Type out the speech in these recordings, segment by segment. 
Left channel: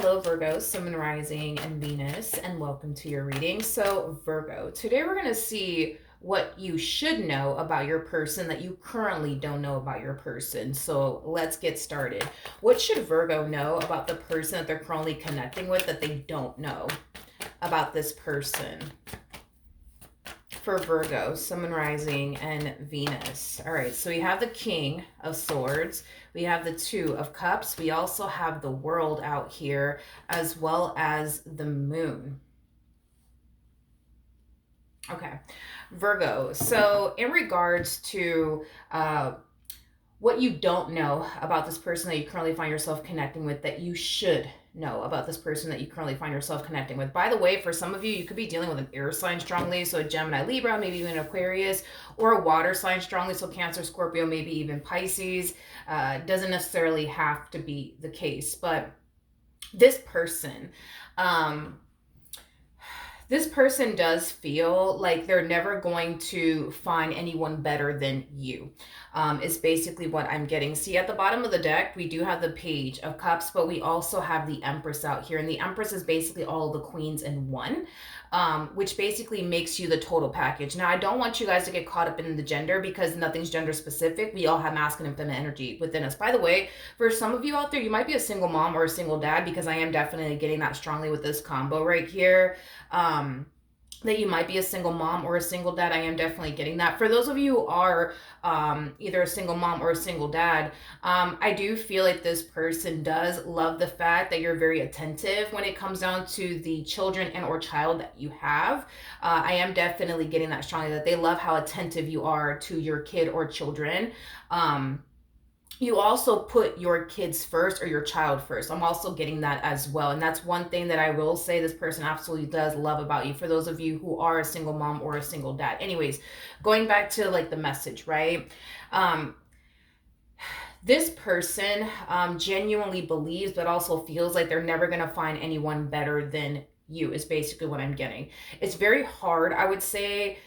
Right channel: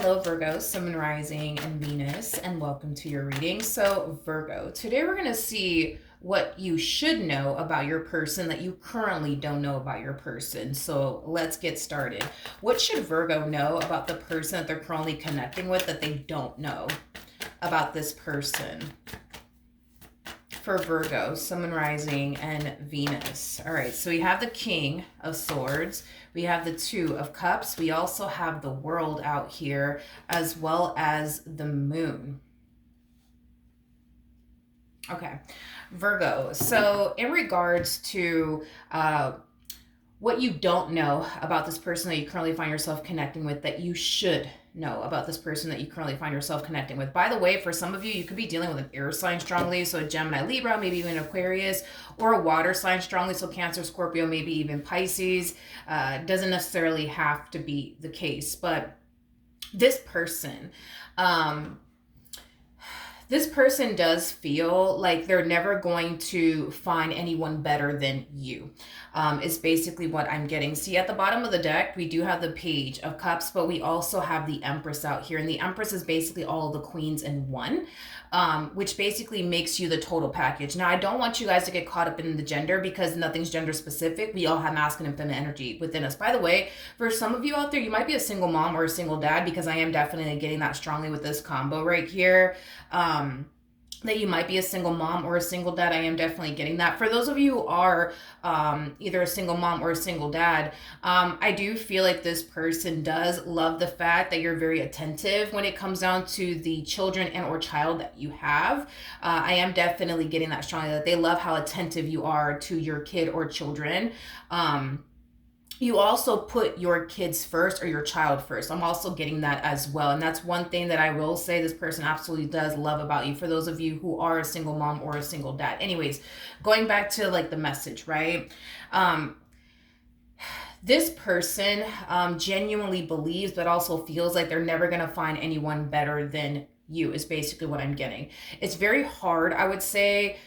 Hello, Virgo, Sun, Moon, Rising, and Venus, and welcome to your reading. So, Virgo, today we're going to see what you should know about your person that you currently don't know about your person. So, let's get started. What should Virgo know about the person that they're currently connecting with that they don't know about this person? For Virgo, Sun, Moon, Rising, and Venus. All right, so we have the King of Swords. We have the Two of Cups. We also have the World out here, as well as the Moon. Okay, Virgo. So in regards to what you don't know about this person that you currently find yourself connecting with that you should know about this person that you currently find yourself connecting with. By the way, for some of you, you could be dealing with an air sign strongly, so Gemini, Libra, maybe even Aquarius, or a water sign strongly, so Cancer, Scorpio, maybe even Pisces. Doesn't necessarily have to be the case, but this person, this person does feel like they're never going to find anyone better than you, is basically what I'm getting. See, at the bottom of the deck, we do have the Page of Cups, but we also have the Empress out here. And the Empress is basically all of the queens in one, which basically makes you the total package. Now, I don't want you guys to get caught up in the gender because nothing's gender specific. We all have masculine and feminine energy within us. By the way, for some of you out there, you might be a single mom or a single dad, because I am definitely getting that strongly with this combo right here. That you might be a single mom or a single dad. I am definitely getting that. For those of you who are either a single mom or a single dad, I do feel like this person does love the fact that you're very attentive when it comes down to the children and or child that you have. I am definitely getting that strongly, that they love how attentive you are to your kid or children. You also put your kids first or your child first. I'm also getting that as well. And that's one thing that I will say this person absolutely does love about you, for those of you who are a single mom or a single dad. Anyways, going back to like the message, right? This person genuinely believes, but also feels like they're never going to find anyone better than you, is basically what I'm getting. It's very hard, I would say,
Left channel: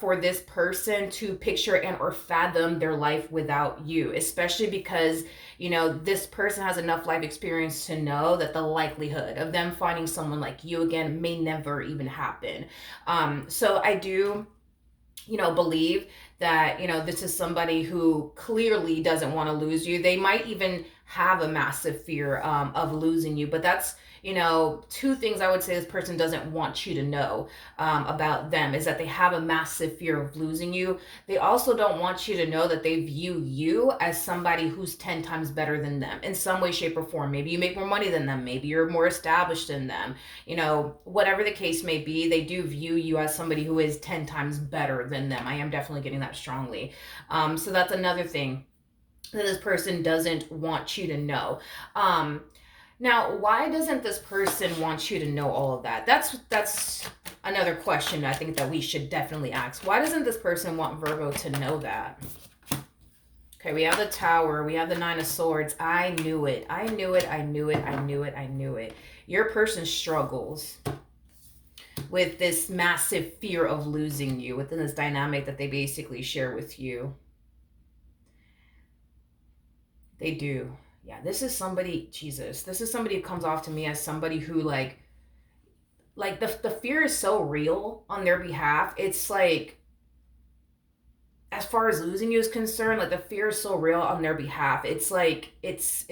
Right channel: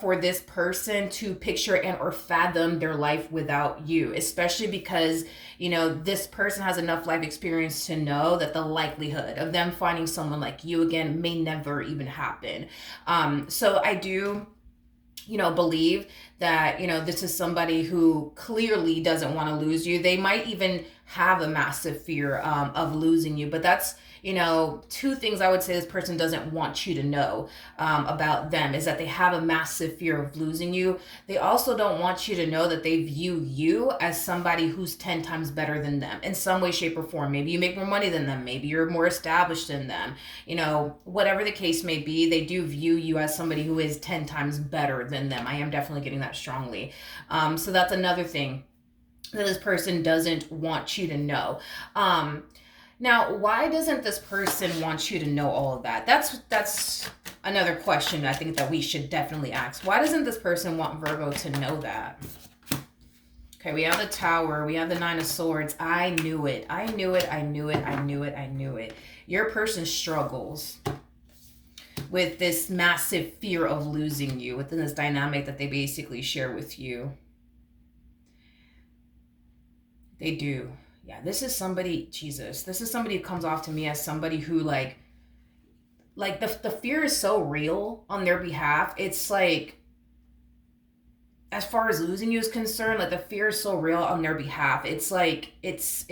for this person to picture and or fathom their life without you, especially because, you know, this person has enough life experience to know that the likelihood of them finding someone like you again may never even happen. So I do, you know, believe that, you know, this is somebody who clearly doesn't want to lose you. They might even have a massive fear of losing you, but that's, you know, two things I would say this person doesn't want you to know about them is that they have a massive fear of losing you. They also don't want you to know that they view you as somebody who's 10 times better than them in some way, shape, or form. Maybe you make more money than them. Maybe you're more established than them. You know, whatever the case may be, they do view you as somebody who is 10 times better than them. I am definitely getting that strongly. So that's another thing that this person doesn't want you to know. Now, why doesn't this person want you to know all of that? That's another question I think that we should definitely ask. Why doesn't this person want Virgo to know that? Okay, we have the Tower. We have the Nine of Swords. I knew it. I knew it. I knew it. I knew it. I knew it. Your person struggles with this massive fear of losing you within this dynamic that they basically share with you. They do. Yeah, this is somebody, Jesus, this is somebody who comes off to me as somebody who like the fear is so real on their behalf. It's like, as far as losing you is concerned, like the fear is so real on their behalf. It's like, it's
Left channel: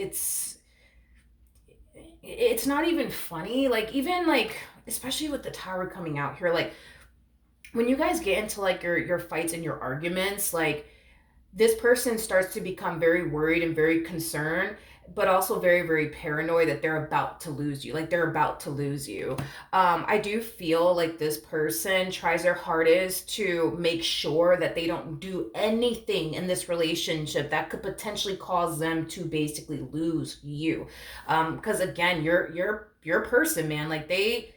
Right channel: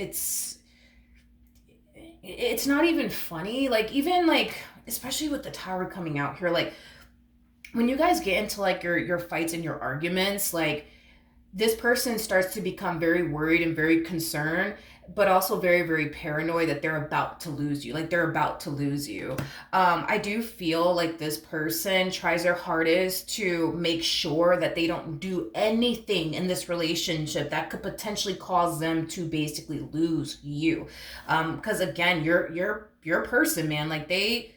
not even funny. Like, even like, especially with the Tower coming out here, like when you guys get into like your fights and your arguments, like this person starts to become very worried and very concerned, but also very, very paranoid that they're about to lose you. Like they're about to lose you. I do feel like this person tries their hardest to make sure that they don't do anything in this relationship that could potentially cause them to basically lose you. Because again, your person, man, like they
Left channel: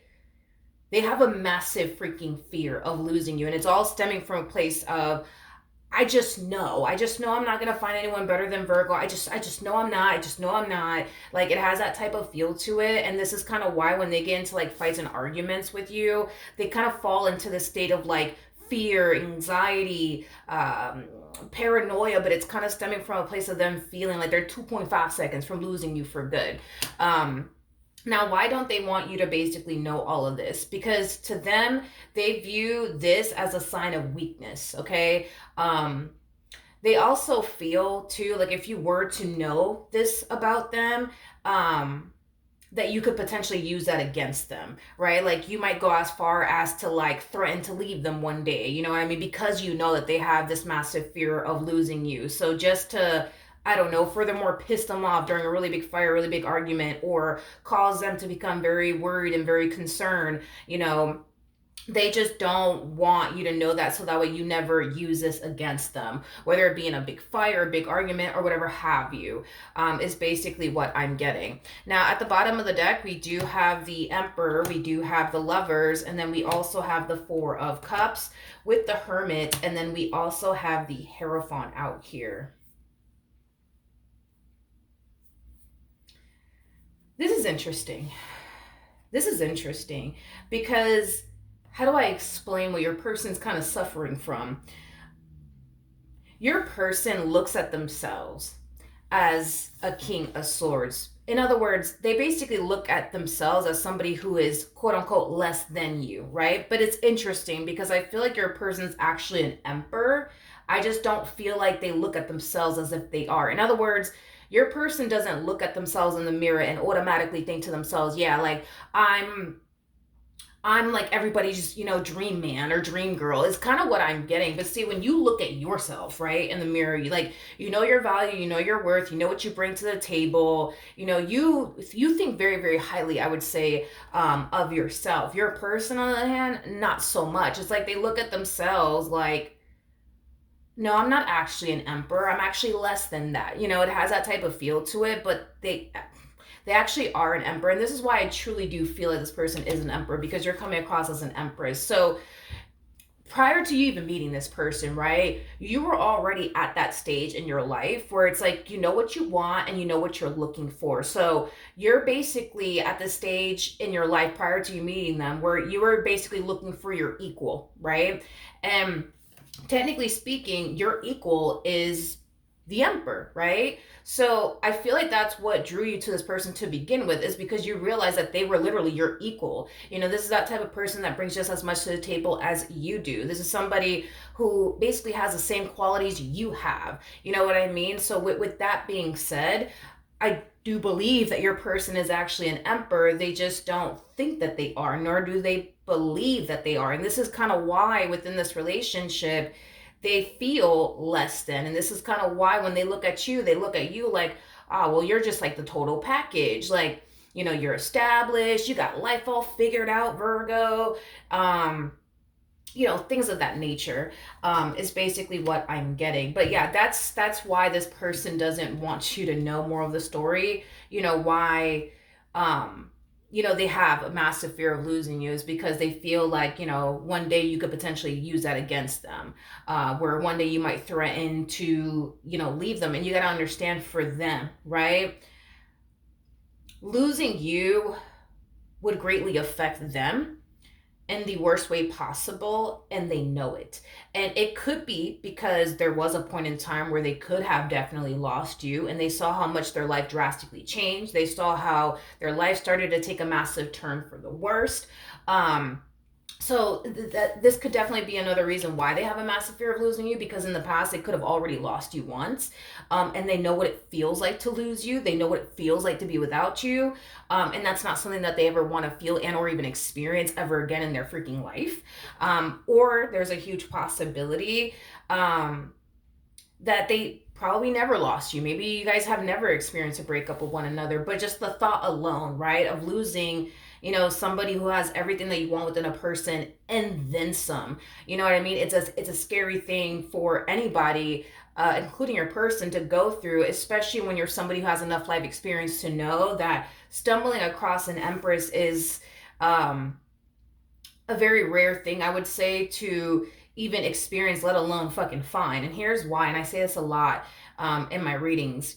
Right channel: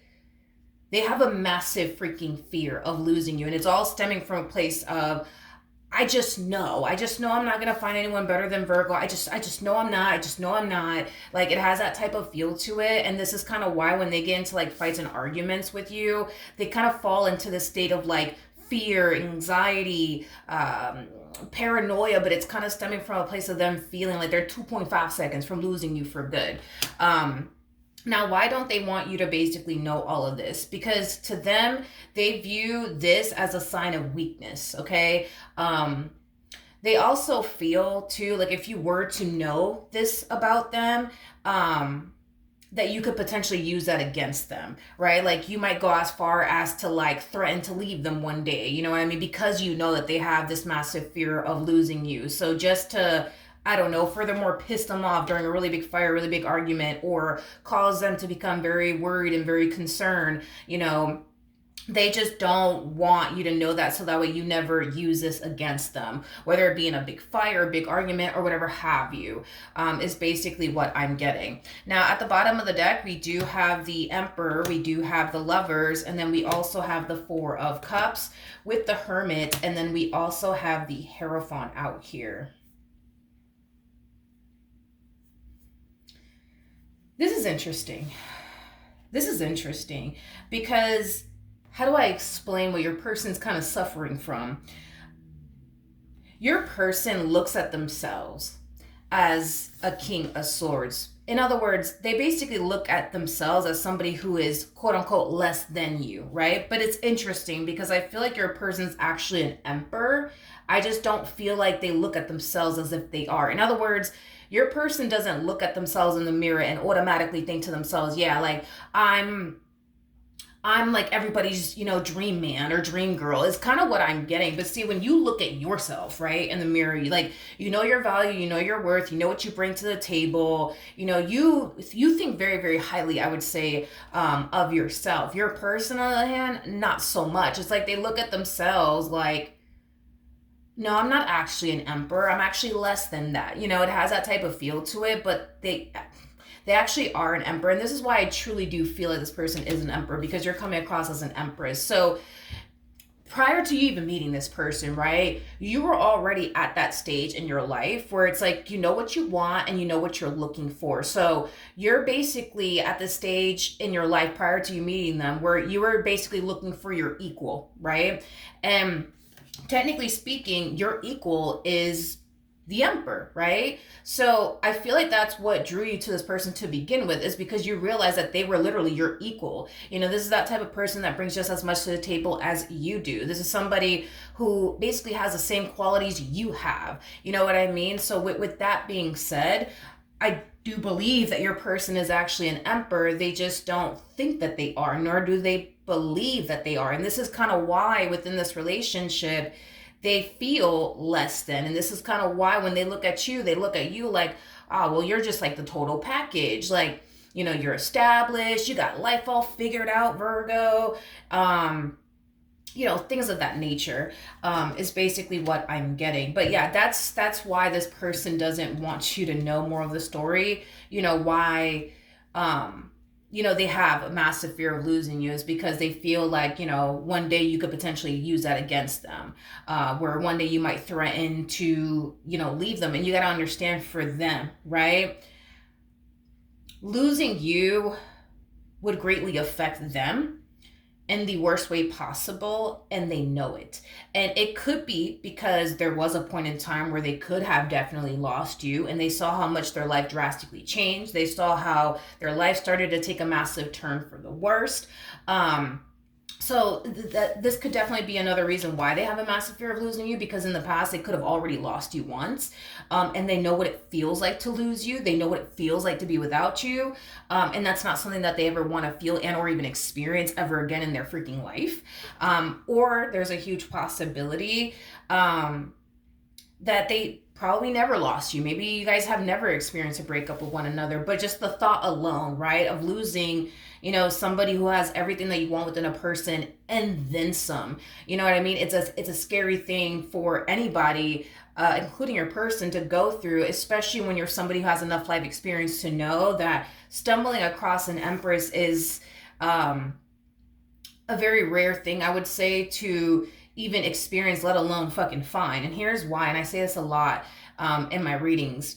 have a massive freaking fear of losing you. And it's all stemming from a place of, I just know I'm not going to find anyone better than Virgo. I just know I'm not. Like, it has that type of feel to it. And this is kind of why when they get into like fights and arguments with you, they kind of fall into the state of like fear, anxiety, paranoia, but it's kind of stemming from a place of them feeling like they're 2.5 seconds from losing you for good. Now, why don't they want you to basically know all of this? Because to them, they view this as a sign of weakness, okay? Um, they also feel too, like if you were to know this about them, um, that you could potentially use that against them, right? Like you might go as far as to like threaten to leave them one day, you know what I mean? Because you know that they have this massive fear of losing you. So just to, I don't know, furthermore piss them off during a really big fight, really big argument, or cause them to become very worried and very concerned, they just don't want you to know that, so that way you never use this against them, whether it be in a big fight or a big argument or whatever have you, is basically what I'm getting. Now at the bottom of the deck, we do have the Emperor, we do have the Lovers, and then we also have the Four of Cups with the Hermit, and then we also have the Hierophant out here. This is interesting. This is interesting because how do I explain what your person's kind of suffering from? Your person looks at themselves as a King of Swords. In other words, they basically look at themselves as somebody who is quote unquote less than you, right? But it's interesting because I feel like your person's actually an emperor. I just don't feel like they look at themselves as if they are. In other words, your person doesn't look at themselves in the mirror and automatically think to themselves, yeah, like I'm like everybody's, dream man or dream girl is kind of what I'm getting. But see, when you look at yourself, right, in the mirror, you know your value, you know your worth, you know what you bring to the table. You think very, very highly, I would say, of yourself. Your person, on the other hand, not so much. It's like they look at themselves like, no, I'm not actually an emperor. I'm actually less than that. It has that type of feel to it, but they actually are an emperor. And this is why I truly do feel like this person is an emperor, because you're coming across as an empress. So prior to you even meeting this person, right, you were already at that stage in your life where it's like, you know what you want and you know what you're looking for. So you're basically at the stage in your life prior to you meeting them where you were basically looking for your equal, right? And technically speaking, your equal is the emperor, right? So I feel like that's what drew you to this person to begin with, is because you realize that they were literally your equal. This is that type of person that brings just as much to the table as you do. This is somebody who basically has the same qualities you have. You know what I mean? So with that being said, I do believe that your person is actually an emperor. They just don't think that they are, nor do they believe that they are. And this is kind of why within this relationship, they feel less than. And this is kind of why when they look at you, they look at you like, oh, well, you're just like the total package. Like, you're established, you got life all figured out, Virgo. Things of that nature, is basically what I'm getting. But yeah, that's why this person doesn't want you to know more of the story. Why they have a massive fear of losing you is because they feel like, one day you could potentially use that against them, where one day you might threaten to, leave them. And you got to understand, for them, right, losing you would greatly affect them in the worst way possible, and they know it. And it could be because there was a point in time where they could have definitely lost you, and they saw how much their life drastically changed. They saw how their life started to take a massive turn for the worst. So that this could definitely be another reason why they have a massive fear of losing you, because in the past they could have already lost you once, and they know what it feels like to lose you. They know what it feels like to be without you, and that's not something that they ever want to feel and or even experience ever again in their freaking life. Or there's a huge possibility that they probably never lost you. Maybe you guys have never experienced a breakup with one another, but just the thought alone, right, of losing, somebody who has everything that you want within a person and then some. You know what I mean? It's a scary thing for anybody, including your person, to go through, especially when you're somebody who has enough life experience to know that stumbling across an empress is a very rare thing, I would say, to even experience, let alone fucking find. And here's why, and I say this a lot in my readings.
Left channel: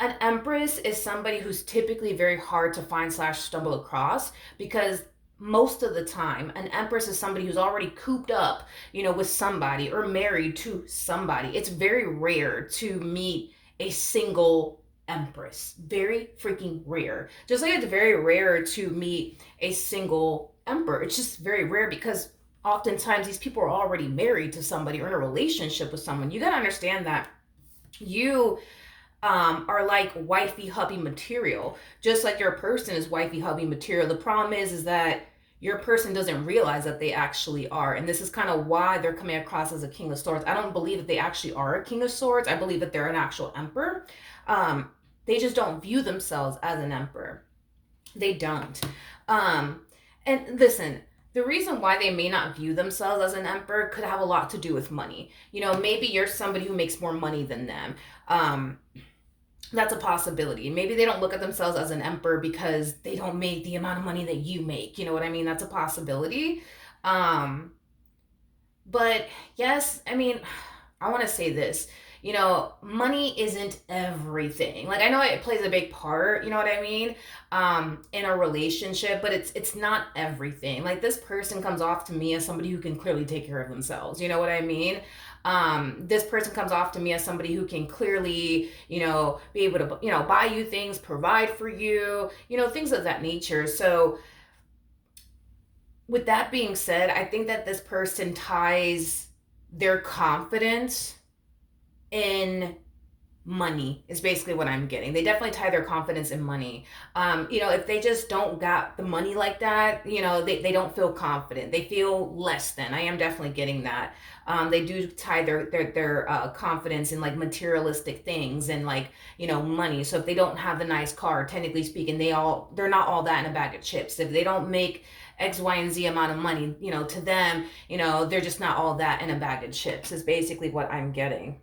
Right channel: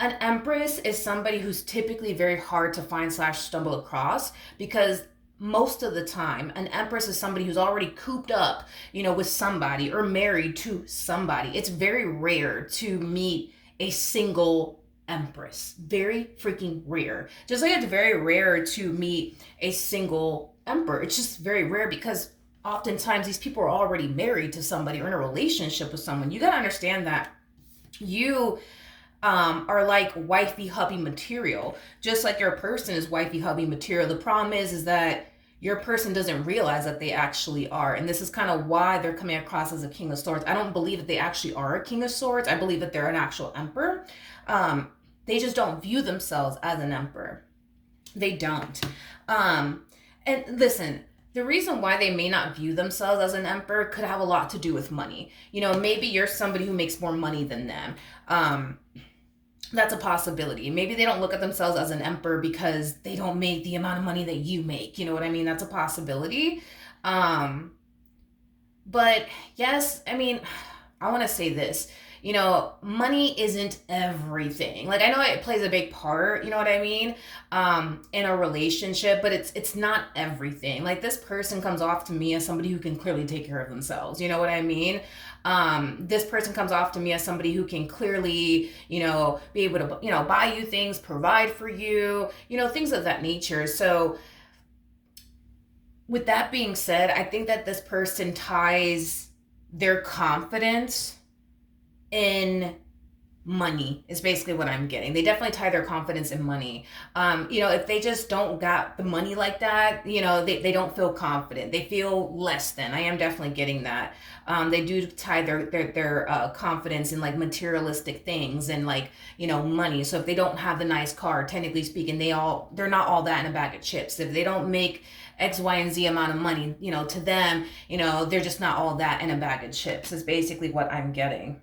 An empress is somebody who's typically very hard to find / stumble across, because most of the time an empress is somebody who's already cooped up, with somebody or married to somebody. It's very rare to meet a single Empress. Very freaking rare. Just like it's very rare to meet a single Emperor. It's just very rare because oftentimes these people are already married to somebody or in a relationship with someone. You gotta understand that you are like wifey hubby material, just like your person is wifey hubby material. The problem is that your person doesn't realize that they actually are, and this is kind of why they're coming across as a king of swords. I don't believe that they actually are a king of swords. I believe that they're an actual emperor. um, they just don't view themselves as an emperor. They don't. um, and listen, the reason why they may not view themselves as an emperor could have a lot to do with money. Maybe you're somebody who makes more money than them. That's a possibility. Maybe they don't look at themselves as an emperor because they don't make the amount of money that you make. You know what I mean? That's a possibility. Um, but yes, I mean, I want to say this. Money isn't everything. Like, I know it plays a big part, you know what I mean, in a relationship, but it's not everything. Like, this person comes off to me as somebody who can clearly take care of themselves. You know what I mean? This person comes off to me as somebody who can clearly, be able to, buy you things, provide for you, things of that nature. So with that being said, I think that this person ties their confidence in money is basically what I'm getting. They definitely tie their confidence in money. If they just don't got the money like that, they don't feel confident. They feel less than. I am definitely getting that. They do tie their confidence in like materialistic things and like, money. So if they don't have the nice car, technically speaking, they're not all that in a bag of chips. If they don't make X, Y, and Z amount of money, to them, they're just not all that in a bag of chips is basically what I'm getting.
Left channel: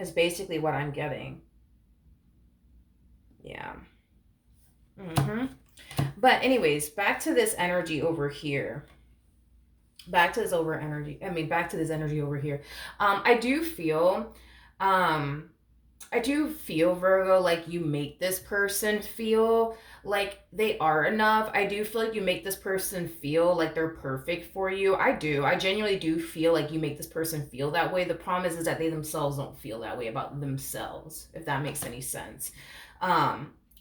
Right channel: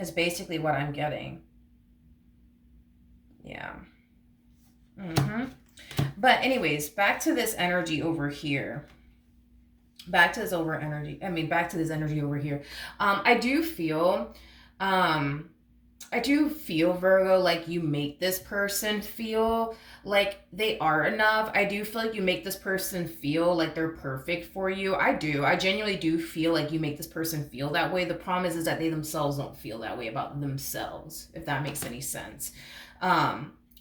Is basically what I'm getting. Yeah. Mm-hmm. But anyways, back to this energy over here. Back to this back to this energy over here. I do feel, Virgo, like you make this person feel like they are enough. I do feel like you make this person feel like they're perfect for you. I do. I genuinely do feel like you make this person feel that way. The problem is that they themselves don't feel that way about themselves, if that makes any sense.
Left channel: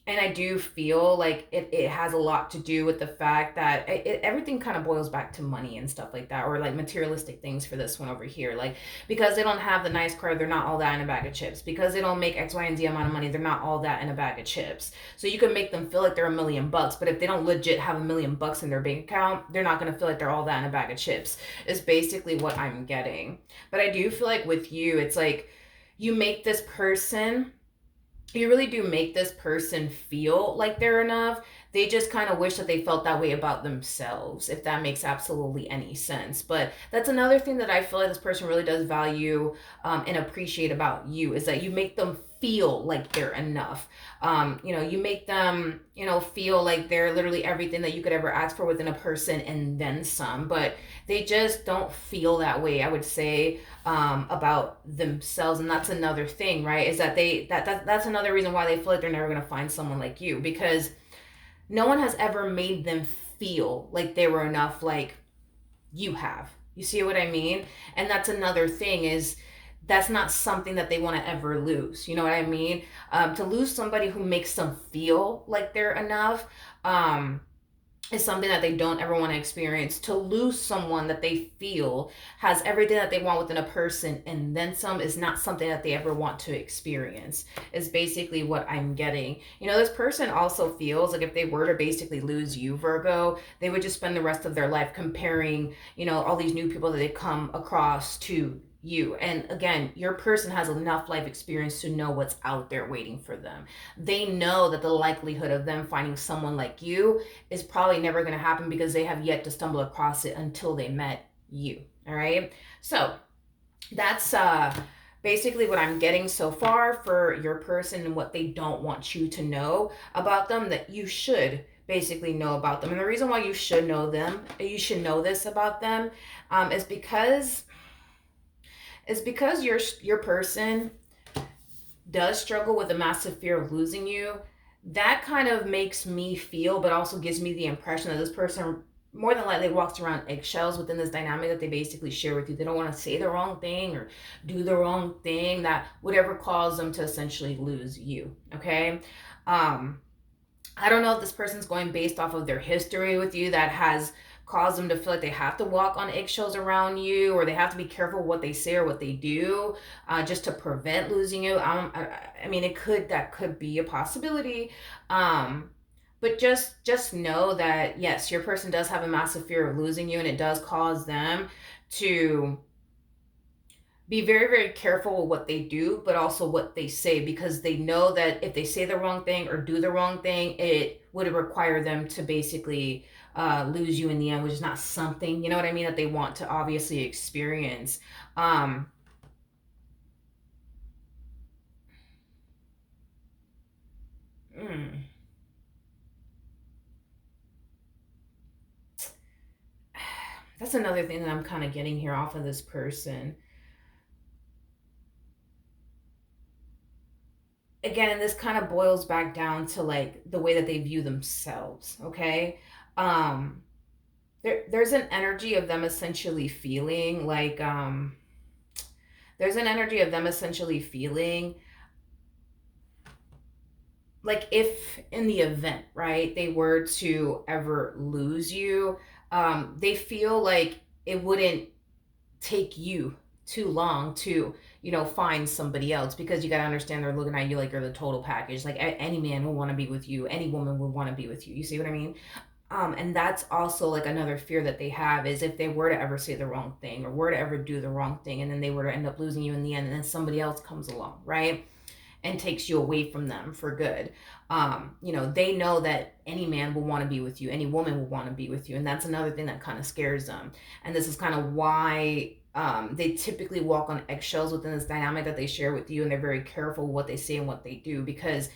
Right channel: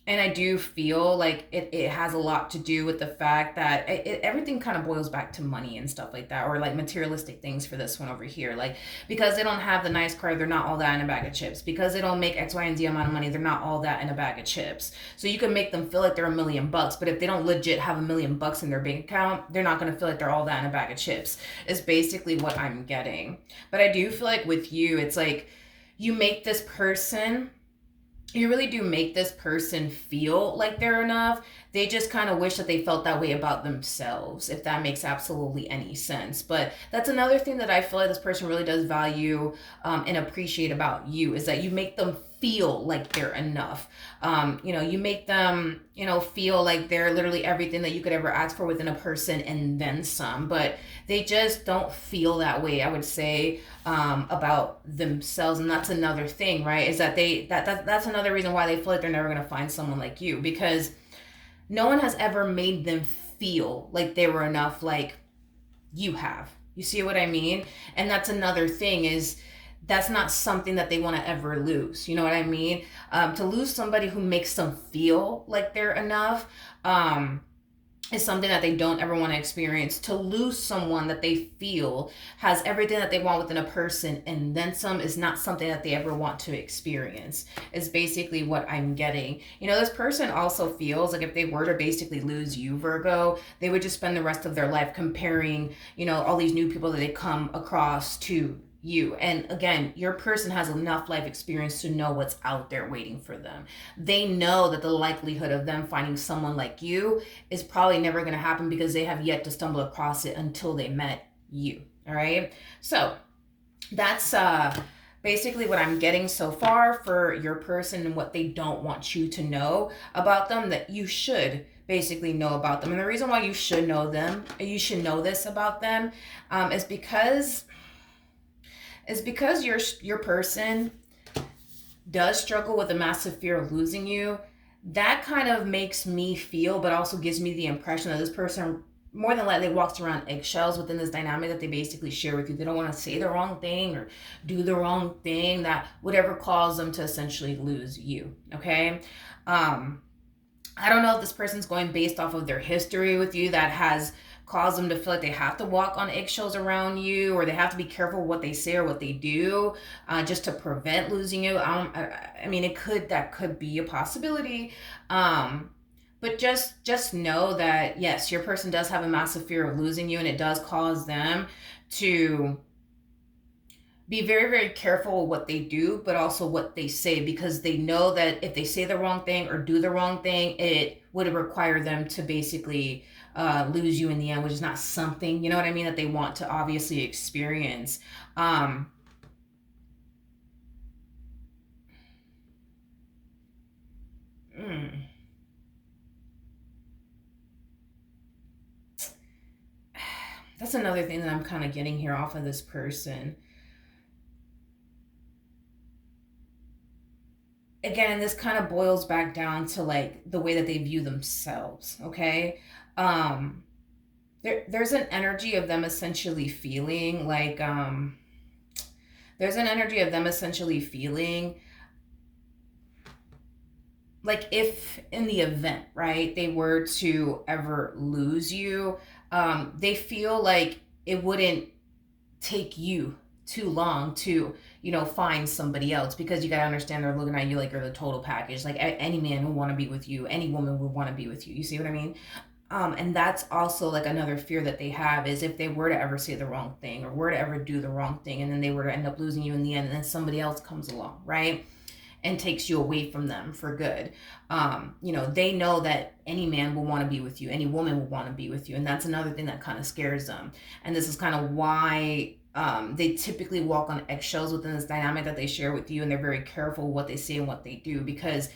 And I do feel like it has a lot to do with the fact that everything kind of boils back to money and stuff like that, or like materialistic things for this one over here. Like, because they don't have the nice car, they're not all that in a bag of chips. Because they don't make X, Y, and Z amount of money, they're not all that in a bag of chips. So you can make them feel like they're $1,000,000, but if they don't legit have $1,000,000 in their bank account, they're not going to feel like they're all that in a bag of chips, is basically what I'm getting. But I do feel like with you, it's like you make this person you really do make this person feel like they're enough. They just kind of wish that they felt that way about themselves, if that makes absolutely any sense. But that's another thing that I feel like this person really does value and appreciate about you, is that you make them feel like they're enough. You make them, feel like they're literally everything that you could ever ask for within a person and then some. But they just don't feel that way, I would say, about themselves. And that's another thing, right? Is that that's another reason why they feel like they're never going to find someone like you, because no one has ever made them feel like they were enough like you have. You see what I mean? And that's another thing, is that's not something that they want to ever lose. You know what I mean? To lose somebody who makes them feel like they're enough, is something that they don't ever want to experience. To lose someone that they feel has everything that they want within a person and then some is not something that they ever want to experience, is basically what I'm getting. This person also feels like if they were to basically lose you, Virgo, they would just spend the rest of their life comparing, all these new people that they come across to you. And again, your person has enough life experience to know what's out there waiting for them. They know that the likelihood of them finding someone like you is probably never going to happen, because they have yet to stumble across it until they met you. All right. So that's basically what I'm getting so far for your person, and what they don't want you to know about them that you should basically know about them. And the reason why you should know this about them, is because your person does struggle with a massive fear of losing you. That kind of makes me feel, but also gives me the impression that this person more than likely walks around eggshells within this dynamic that they basically share with you. They don't want to say the wrong thing or do the wrong thing that would ever cause them to essentially lose you. Okay. Um, I don't know if this person's going based off of their history with you that has caused them to feel like they have to walk on eggshells around you, or they have to be careful what they say or what they do, just to prevent losing you. I mean, that could be a possibility. Um, but just know that yes, your person does have a massive fear of losing you, and it does cause them to be very, very careful with what they do, but also what they say, because they know that if they say the wrong thing or do the wrong thing, it would require them to basically lose you in the end, which is not something, you know what I mean, that they want to obviously experience. Um, mm, that's another thing that I'm kind of getting here off of this person. Again, this kind of boils back down to like the way that they view themselves, okay? Um, there's an energy of them essentially feeling like there's an energy of them essentially feeling like if in the event, right, they were to ever lose you, they feel like it wouldn't take you too long to, find somebody else, because you got to understand they're looking at you like you're the total package. Like any man will want to be with you, any woman would want to be with you. You see what I mean? And that's also like another fear that they have, is if they were to ever say the wrong thing or were to ever do the wrong thing, and then they were to end up losing you in the end, and then somebody else comes along, right, and takes you away from them for good. They know that any man will want to be with you, any woman will want to be with you, and that's another thing that kind of scares them. And this is kind of why they typically walk on eggshells within this dynamic that they share with you, and they're very careful what they say and what they do, because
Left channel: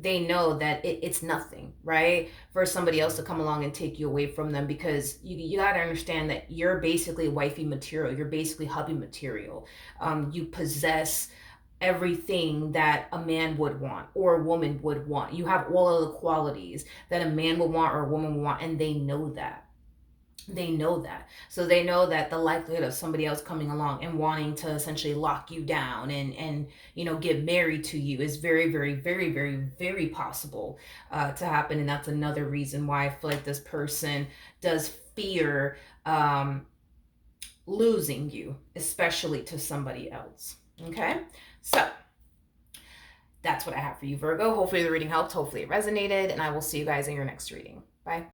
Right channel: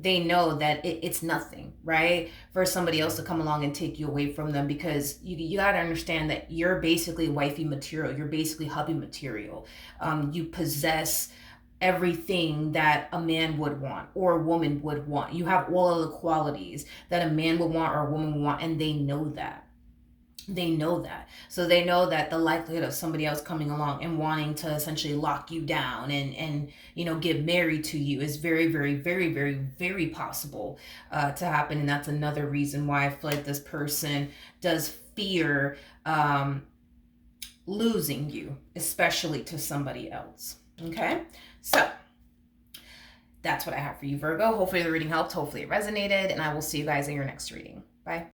they know that it's nothing, right, for somebody else to come along and take you away from them, because you got to understand that you're basically wifey material, you're basically hubby material. You possess everything that a man would want or a woman would want. You have all of the qualities that a man would want or a woman would want, and they know that. They know that. So they know that the likelihood of somebody else coming along and wanting to essentially lock you down and get married to you is very, very, very, very, very possible to happen. And that's another reason why I feel like this person does fear losing you, especially to somebody else. Okay, so that's what I have for you, Virgo. Hopefully the reading helped. Hopefully it resonated. And I will see you guys in your next reading. Bye.